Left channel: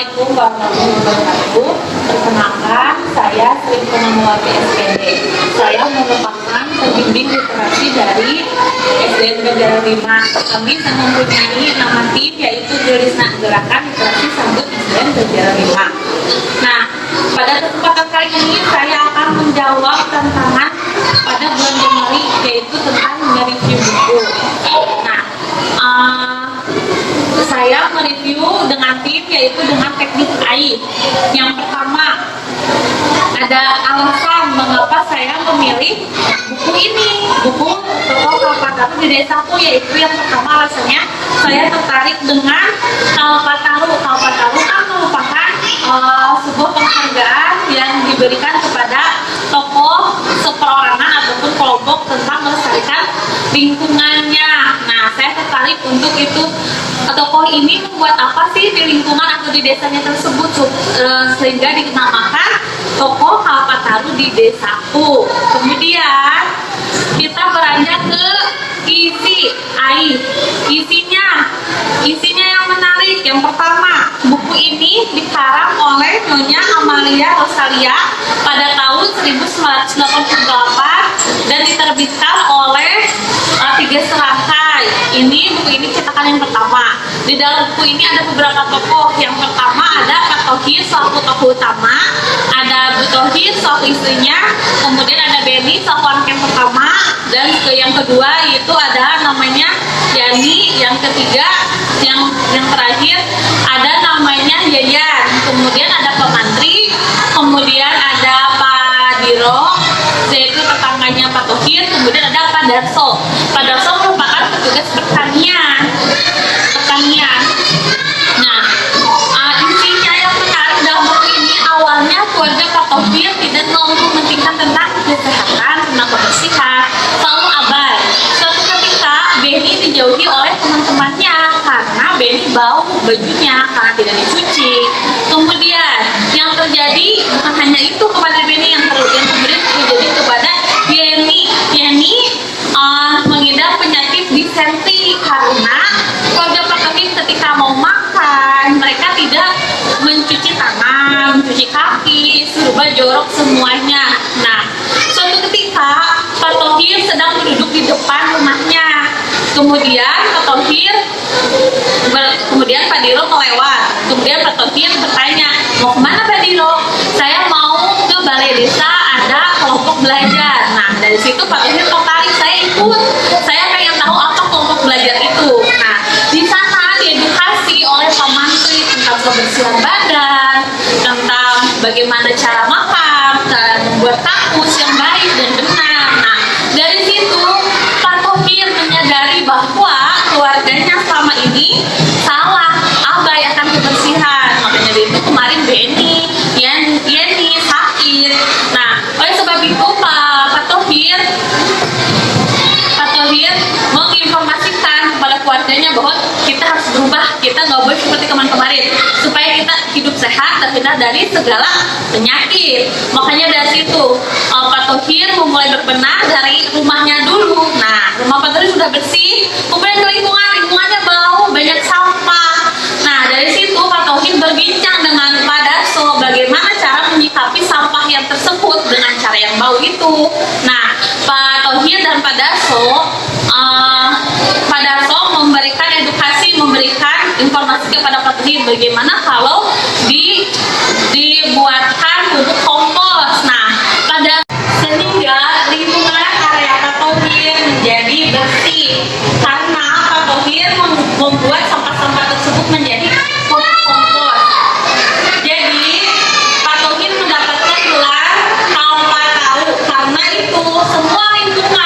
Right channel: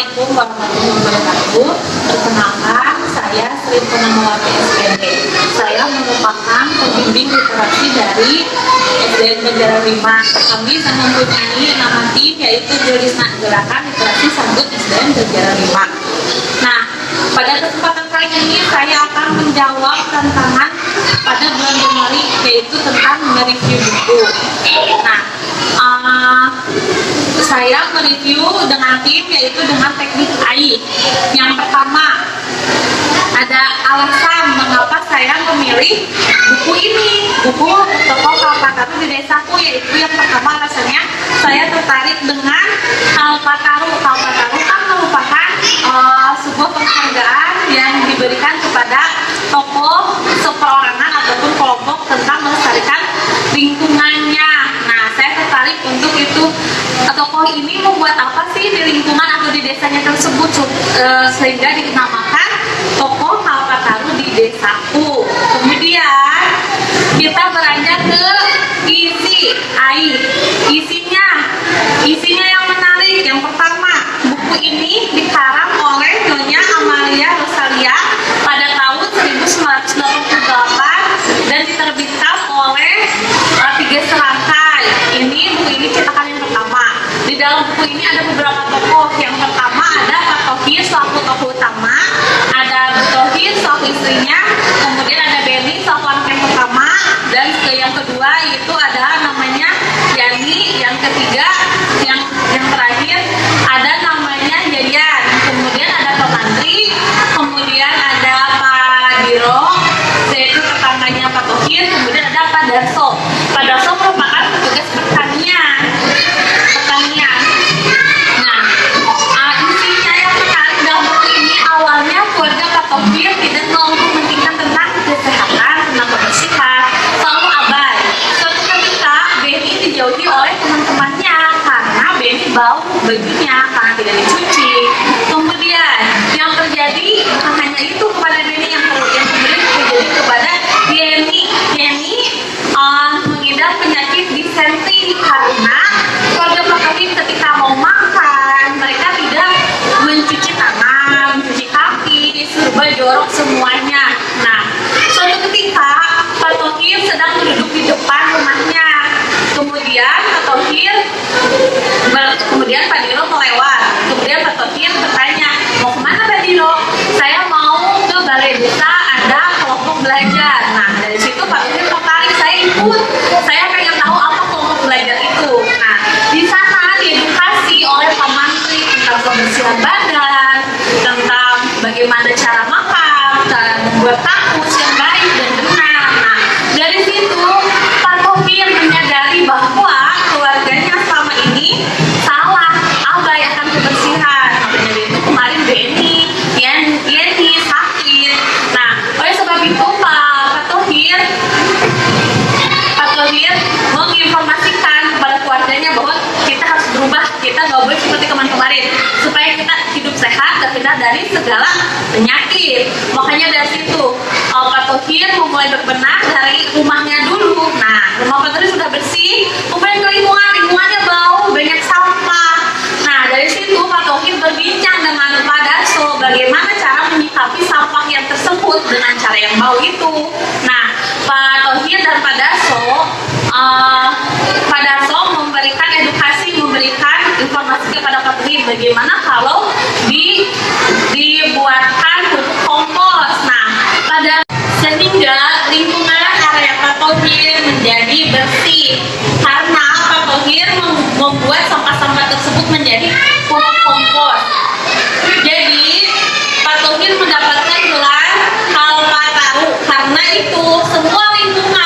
Assalamualaikum warahmatullahi wabarakatuh. Perkenalkan, saya Sri Purnamawati SPND. Saya merupakan pembimbing literasi dari SDN Banjaran 5. Kami mempunyai nama tim yaitu Gerakan Literasi Sambut SDN Banjaran 5. Nah, pada kesempatan kali ini saya akan menjawab tantangan pada bulan Januari yaitu tentang mereview buku. Nah, saya mereview dengan tim yaitu dengan teknik AI. Yang pertama, ada alasan mengapa saya memilih buku ini, buku Tokoh Kalpataru di Desaku, yaitu yang pertama alasannya saya tertarik dengan Kalpataru. Kalpataru kan merupakan sebuah penghargaan yang diberikan kepada tokoh seperorangan ataupun kelompok tentang melestarikan lingkungannya. Nah, saya tertarik untuk itu. Tokoh ini membuat apa sih di lingkungan atau di desanya tersebut sehingga dinamakan Tokoh Kalpataru di Desaku. Kemudian kita beranjak ke isi AI. Isinya yang menarik. Yang pertama, buku ini dikarang oleh Nyonya Amalia Rosalia pada tahun 1988 dan diterbitkan oleh Tiga Serangkai. Buku ini cetakan yang pertama. Di dalam buku ini ada beberapa tokoh. Yang pertama ada Pak Tohir selaku tokoh utama, ada Bu Tohir selaku istrinya, kemudian ada Beni selaku anak yang pertama, dan yang kedua yaitu ada namanya Yani, yang ketiga yang terakhir ada namanya Yayan, kemudian ada Pak Mantri, kemudian ada Pak Diro yaitu tetangganya Pak Tohir, kemudian ada Pak Darso. Pak Darso merupakan petugas pertanian. Nah, isinya yang menarik dalam buku ini, awalnya keluarga Pak Tohir tidak mau mementingkan tentang kesehatan, tentang kebersihan, selalu abai. Suatu ketika Beni dijauhi oleh teman-temannya karena Beni bau bajunya karena tidak dicuci. Kemudian yang terjadi bukan hanya itu kepada Beni, yang kemudian terjadi kepada Yeni mengidap penyakit disentri karena keluarga Pak Tohir ketika mau makan mereka tidak mencuci tangan, mencuci kaki, serba jorok semuanya. Nah, suatu ketika Pak Tohir sedang duduk di depan rumahnya. Kemudian Pak Diro melewat. Kemudian Pak Tohir bertanya, mau kemana Pak Diro? Saya mau ke balai desa, ada kelompok belajar. Nah, dari situ Pak Tohir tertarik, saya ikut. Saya pengen tahu apa kelompok belajar itu. Nah, di sana diedukasi oleh Pak Mantri tentang kebersihan badan, tentang bagaimana cara makan, cara membuat kakus yang baik dan benar. Nah, dari situ Pak Tohir menyadari bahwa keluarganya selama ini salah, abai akan kebersihan. Makanya dari itu kemarin Beni, Yeni sakit. Nah, oleh sebab itu Pak Tohir menginformasikan kepada keluarganya bahwa kita harus berubah, kita nggak boleh seperti kemarin supaya kita hidup sehat, terhindar dari segala penyakit. Makanya dari situ Pak Tohir memulai berbenah dari rumahnya dulu. Nah, rumah Pak Tohir sudah bersih, kemudian ke lingkungannya bau, banyak sampah. Nah, dari situ Pak Tohir berbincang dengan Pak Darso bagaimana cara menyikapi sampah yang tersebut dengan cara yang bau itu. Nah, Pak Tohir dan Pak Darso memberikan edukasi, memberikan informasi kepada Pak Tohir bagaimana kalau dibuatkan pupuk kompos. Nah, sehingga lingkungan area Pak Tohir menjadi bersih karena Pak Tohir membuat sampah-sampah tersebut menjadi pupuk kompos. Jadi Pak Tohir mendapatkan gelar Kalpataru karena itu semua lingkungan